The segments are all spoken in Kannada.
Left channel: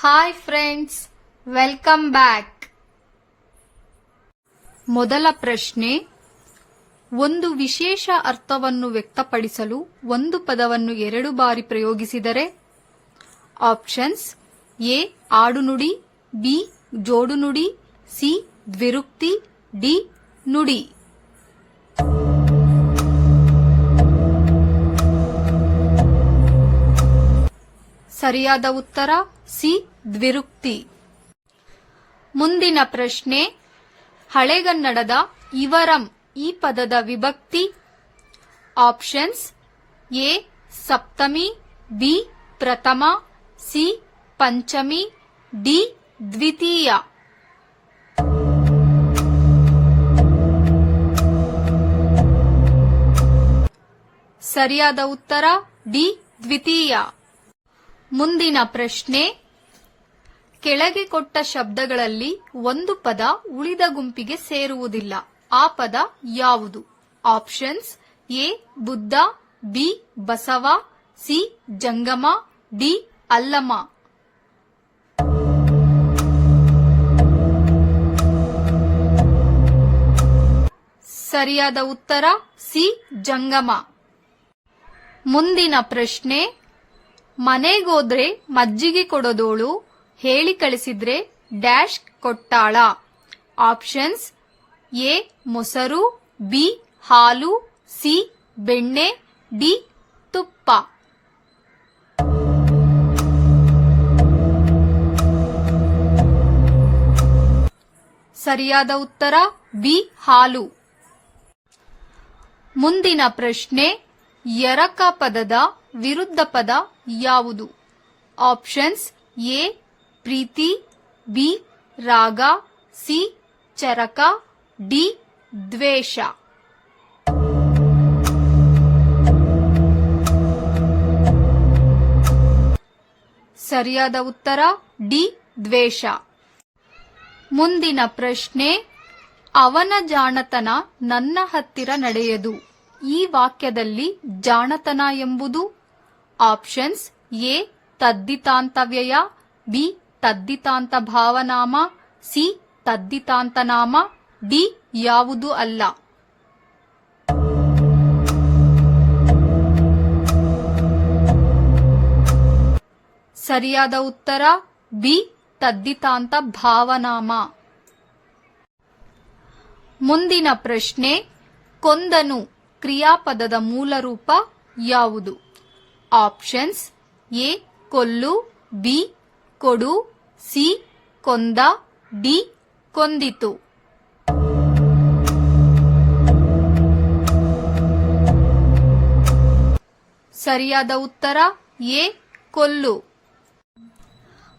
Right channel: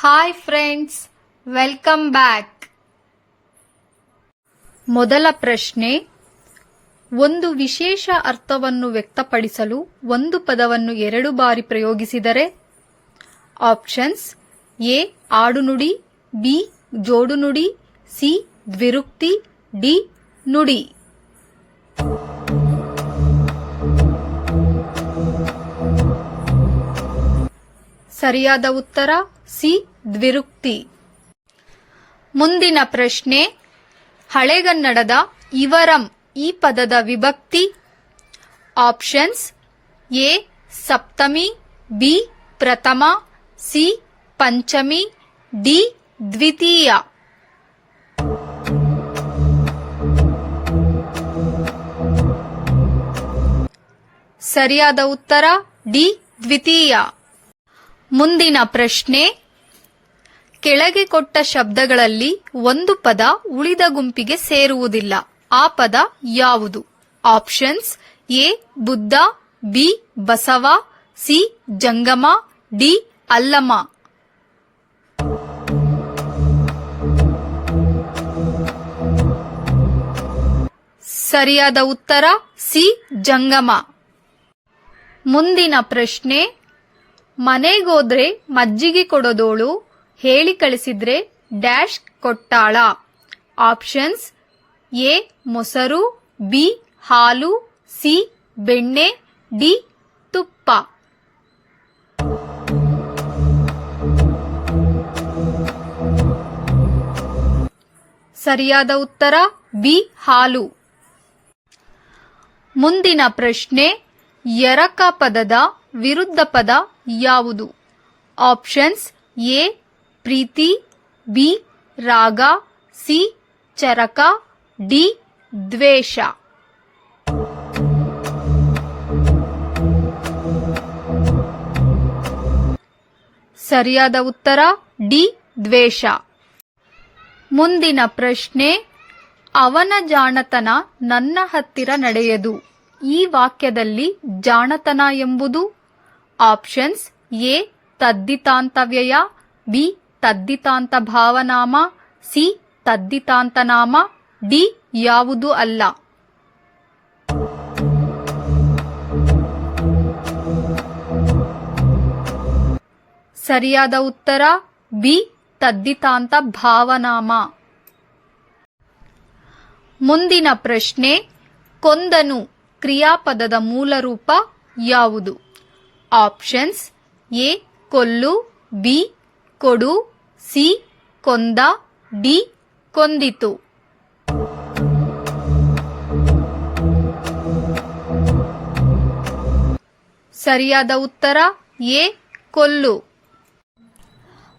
ಹಾಯ್ ಫ್ರೆಂಡ್ಸ್ ವೆಲ್ಕಮ್ ಬ್ಯಾಕ್ ಮೊದಲ ಪ್ರಶ್ನೆ, ಒಂದು ವಿಶೇಷ ಅರ್ಥವನ್ನು ವ್ಯಕ್ತಪಡಿಸಲು ಒಂದು ಪದವನ್ನು ಎರಡು ಬಾರಿ ಪ್ರಯೋಗಿಸಿದರೆ ಆಪ್ಷನ್ಸ್ ಎ, ಆಡುನುಡಿ, ಬಿ, ಜೋಡುನುಡಿ, ಸಿ, ದ್ವಿರುಕ್ತಿ, ಡಿ, ನುಡಿ. ಸರಿಯಾದ ಉತ್ತರ? ಸಿ ದ್ವಿರುಕ್ತಿ. ಮುಂದಿನ ಪ್ರಶ್ನೆ, ಹಳೆಗನ್ನಡದ ಇವರಂ ಈ ಪದದ ವಿಭಕ್ತಿ? ಆಪ್ಷನ್ಸ್, ಎ, ಸಪ್ತಮಿ, ಬಿ, ಪ್ರಥಮ, ಸಿ, ಪಂಚಮಿ, ಡಿ, ದ್ವಿತೀಯ. ಸರಿಯಾದ ಉತ್ತರ, ಡಿ, ದ್ವಿತೀಯ. ಮುಂದಿನ ಪ್ರಶ್ನೆ ಕೆಳಗೆ ಕೊಟ್ಟ ಶಬ್ದಗಳಲ್ಲಿ ಒಂದು ಪದ ಉಳಿದ ಗುಂಪಿಗೆ ಸೇರುವುದಿಲ್ಲ. ಆ ಪದ ಯಾವುದು? Options A, Buddha, B, Basava, C, ಜಂಗಮ, ಡಿ, ಅಲ್ಲಮ. ಸರಿಯಾದ ಉತ್ತರ ಸಿ, ಜಂಗಮ. ಮುಂದಿನ ಪ್ರಶ್ನೆ, ಮನೆಗೋದ್ರೆ ಮಜ್ಜಿಗೆ ಕೊಡೋದೋಳು ಹೇಳಿ ಕಳಿಸಿದ್ರೆ ಡ್ಯಾಶ್ ಕೊಟ್ಟಾಳ. ಆಪ್ಷನ್ಸ್ ಎ, ಮೊಸರು, ಬಿ, ಹಾಲು, ಸಿ, ಬೆಣ್ಣೆ, ಡಿ, ತುಪ್ಪ. ಸರಿಯಾದ ಉತ್ತರ, ಬಿ, ಹಾಲು. ಮುಂದಿನ ಪ್ರಶ್ನೆ, ಎರಕ ಪದದ ವಿರುದ್ಧ ಪದ ಯಾವುದು? ಆಪ್ಷನ್ಸ್ ಎ ಪ್ರೀತಿ, ಬಿ, ರಾಗ, ಸಿ, ಚರಕ, ಡಿ, ದ್ವೇಷ. ಸರಿಯಾದ ಉತ್ತರ, ಡಿ, ದ್ವೇಷ. ಮುಂದಿನ ಪ್ರಶ್ನೆ, ಅವನ ಜಾಣತನ ನನ್ನ ಹತ್ತಿರ ನಡೆಯದು. ಈ ವಾಕ್ಯದಲ್ಲಿ ಜಾಣತನ ಎಂಬುದು? ಆಪ್ಷನ್ಸ್, ಎ ತದ್ದಿತಾಂತವ್ಯಯ ಬಿ ತದ್ದಿತಾಂತ ಭಾವನಾಮ, ಸಿ, ತದ್ದಿತಾಂತನಾಮ, ಡಿ ಯಾವುದು ಅಲ್ಲ. ಸರಿಯಾದ ಉತ್ತರ, ಬಿ, ತದ್ದಿತಾಂತ ಭಾವನಾಮ. ಮುಂದಿನ ಪ್ರಶ್ನೆ, ಕೊಂದನು ಕ್ರಿಯಾಪದದ ಮೂಲ ರೂಪ ಯಾವುದು? ಆಪ್ಷನ್ಸ್, ಎ, ಕೊಲ್ಲು, ಬಿ ಕೊಡು. ಸಿ. ಕೊಂದ. ಡಿ. ಕೊಂದಿತು. ಸರಿಯಾದ ಉತ್ತರ? ಎ. ಕೊಲ್ಲು.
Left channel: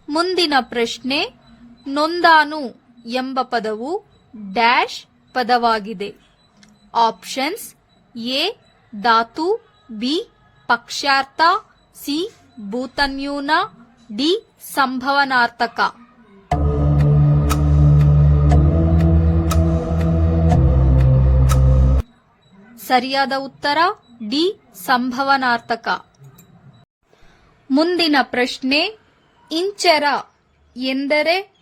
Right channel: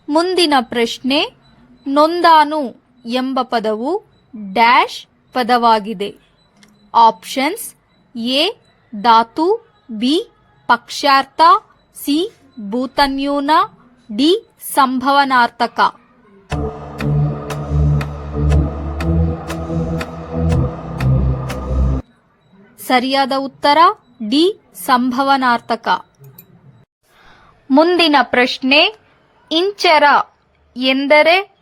ಮುಂದಿನ ಪ್ರಶ್ನೆ, ನೊಂದಾನು ಎಂಬ ಪದವು ಡ್ಯಾಶ್ ಪದವಾಗಿದೆ. Options, A. ಧಾತು, ಬಿ. ಪಕ್ಷಾರ್ಥ, ಸಿ. ಭೂತನ್ಯೂನ. ಡಿ ಸಂಭವನಾರ್ಥಕ. ಸರಿಯಾದ ಉತ್ತರ, ಡಿ ಸಂಭವನಾರ್ಥಕ. ಮುಂದಿನ ಪ್ರಶ್ನೆ, ಇಂಚರ ಎಂದರೆ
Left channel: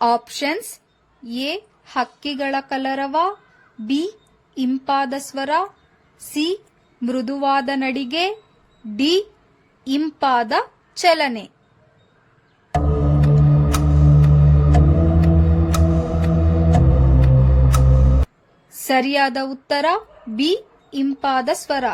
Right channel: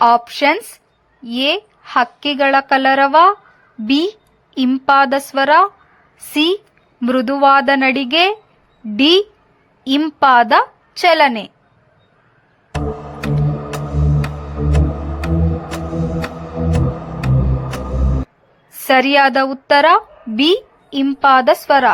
ಆಪ್ಷನ್ಸ್ ಎ ಹಕ್ಕಿಗಳ ಕಲರವ, ಬಿ ಇಂಪಾದ ಸ್ವರ, ಸಿ ಮೃದುವಾದ ನಡಿಗೆ, ಡಿ ಇಂಪಾದ ಚಲನೆ. ಸರಿಯಾದ ಉತ್ತರ ಬಿ ಇಂಪಾದ ಸ್ವರ.